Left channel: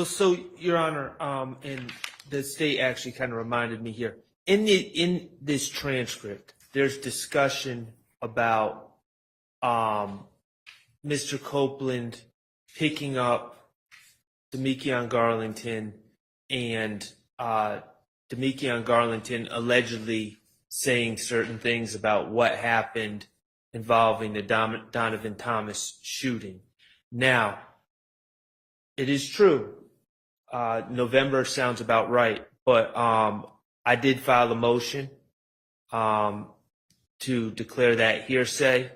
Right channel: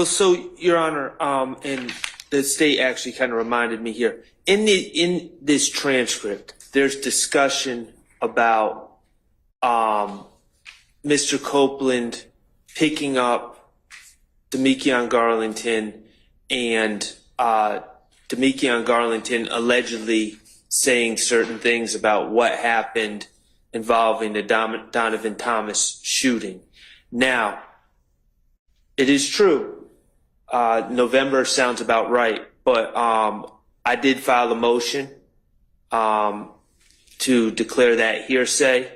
Well, so, Your Honor, and the state actually kind of reminded me here, in this transcript, there's discussion about Mr. Copeland picking up Damekion Garlington and Damekion Garlington allegedly saying certain things about what happened involving the Donovan Thomas shooting. Now, it is true. November sounds about right, but I did file a motion to declare that hearsay.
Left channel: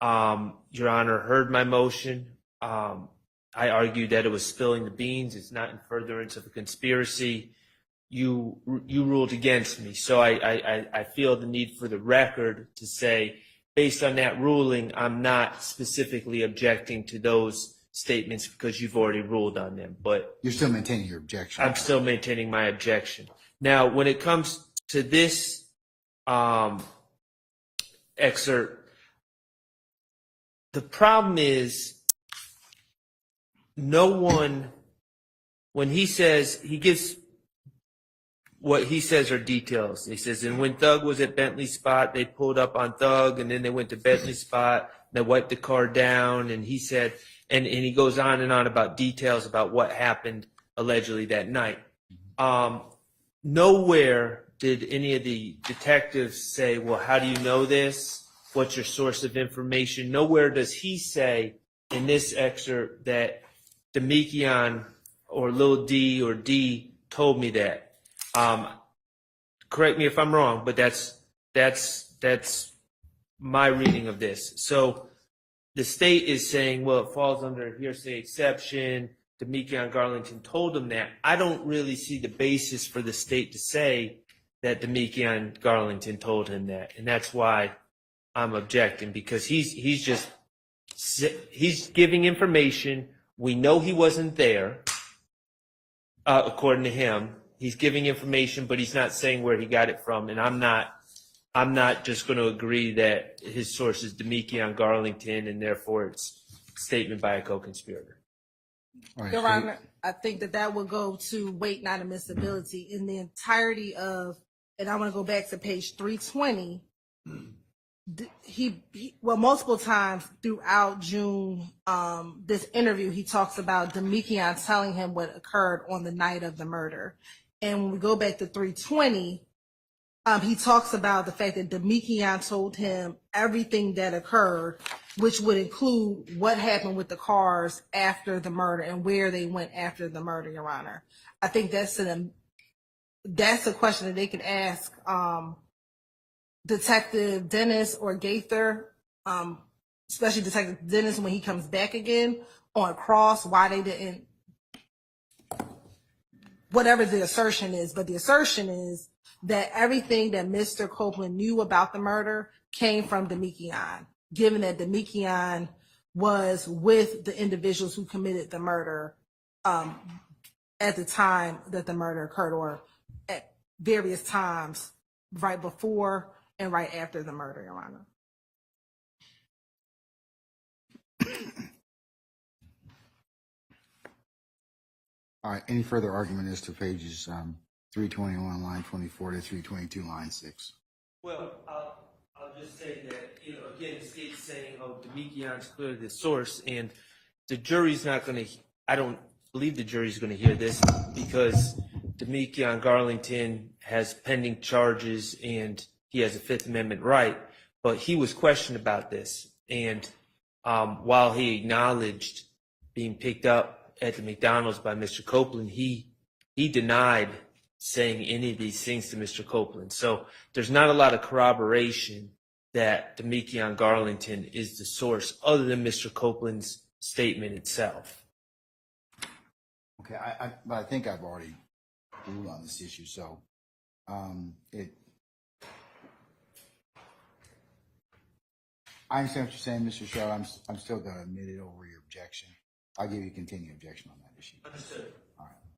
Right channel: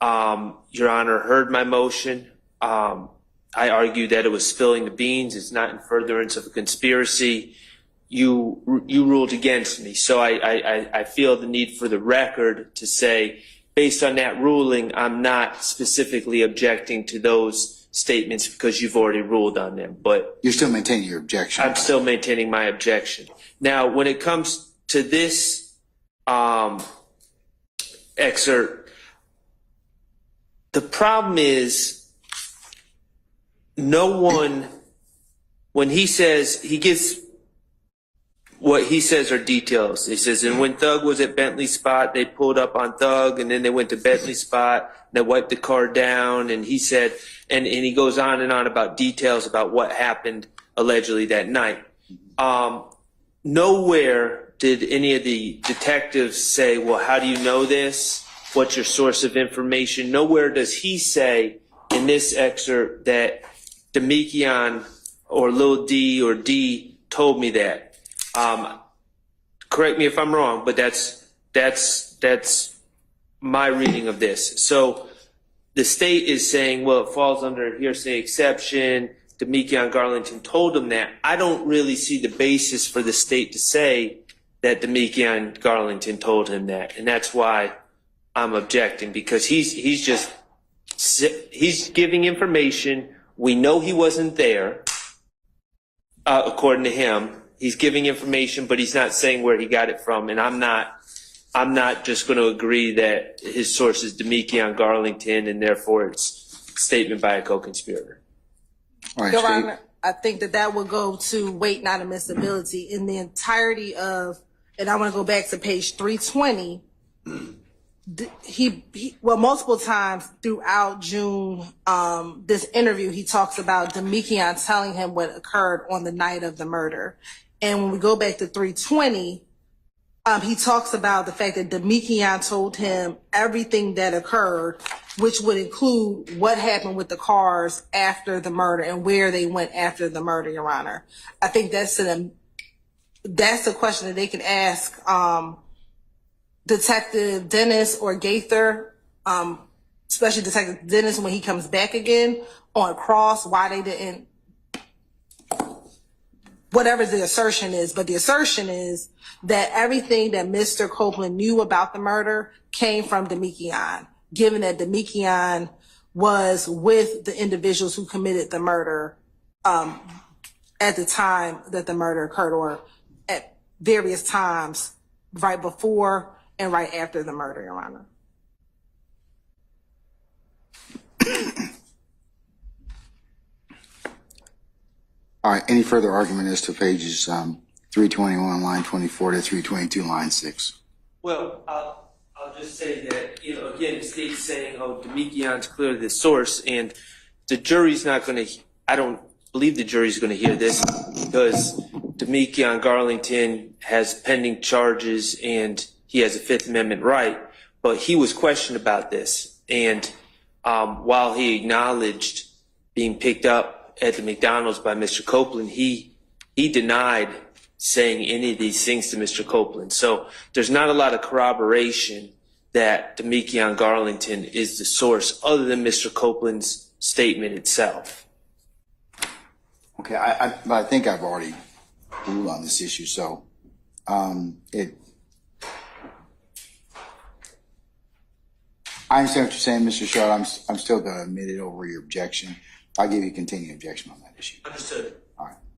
Your Honor heard my motion. I argued that it was spilling the beans. It's not in furtherance of a conspiracy. You ruled against me. So I feel the need for the record to say, based on that ruling, I'm not specifically objecting to those statements because you've already ruled on them. But you're still maintaining your objection. I'm still maintaining my objection. Now, when it comes to this excerpt, the problem is no one, when he says, he gives, what he says are details. He says, and when Thug was at Bentley Spot, they pulled up on Thug, and then they went to Bentley Spot, they wiped the car down, and he said, and he goes on and on about details about what happened allegedly that night. Nowhere did any of the detectives say, well, how do you know this? What's your source of information? Nowhere does he say in this excerpt that Damekion or Lil D or D told me that. Correct me if I'm wrong, but that's my reading of this. So the state is saying, well, it falls under a hearsay exception. Damekion Garlington told him that. I don't really see the basis for the state to say that Damekion Garlington told him that, and that's why I'm objecting, because he's giving information. We know he wasn't there, according to him. He's giving information, but he's not saying where he got it from, and I'm not just going to agree that his source is Damekion Garlington, and therefore it's a statement by a co-conspirator. Right, Your Honor, I think that would go to weight, not admissibility. In the entirety of, and I want to go back to page 320, he multiple times throughout June, this interview, he talks about Damekion telling him what occurred on the night of the murder. And when we go back to 320, he talks about the fact that Damekion told him everything that occurred, which would include what happened with the cars after the murder and where they went after the murder, Your Honor. I think that's a question that they can ask Detective Dennis or Gaither, especially Detective Dennis when he comes back again on cross, why they didn't, whatever the assertion is. But the assertion is that everything that Mr. Copeland knew about the murder came from Damekion, given that Damekion was with the individuals who committed the murder at the time that the murder occurred, or at various times right before and right after the murder, Your Honor. All right, any further argument as to pages 321, line 24 to 322, line 6? Well, I'll just say that, again, the state's saying, oh, Damekion's clearly the source, and the jury's not going to, I don't believe the jury's going to hear this, because Damekion Garlington has pending charges and he has a Fifth Amendment right, but he was questioned about this. And while he acknowledged being picked up at the McDonald's by Mr. Copeland, he denied saying any of these things to Mr. Copeland. So there's not a lot of corroboration that Damekion Garlington is the source other than Mr. Copeland's statement itself. Okay, I think I've already ruled on this issue, so I understand what you're saying, Mr. Schardt. I'm still going to admit it over your objection. I'll give you a continuing objection on that issue. Understood.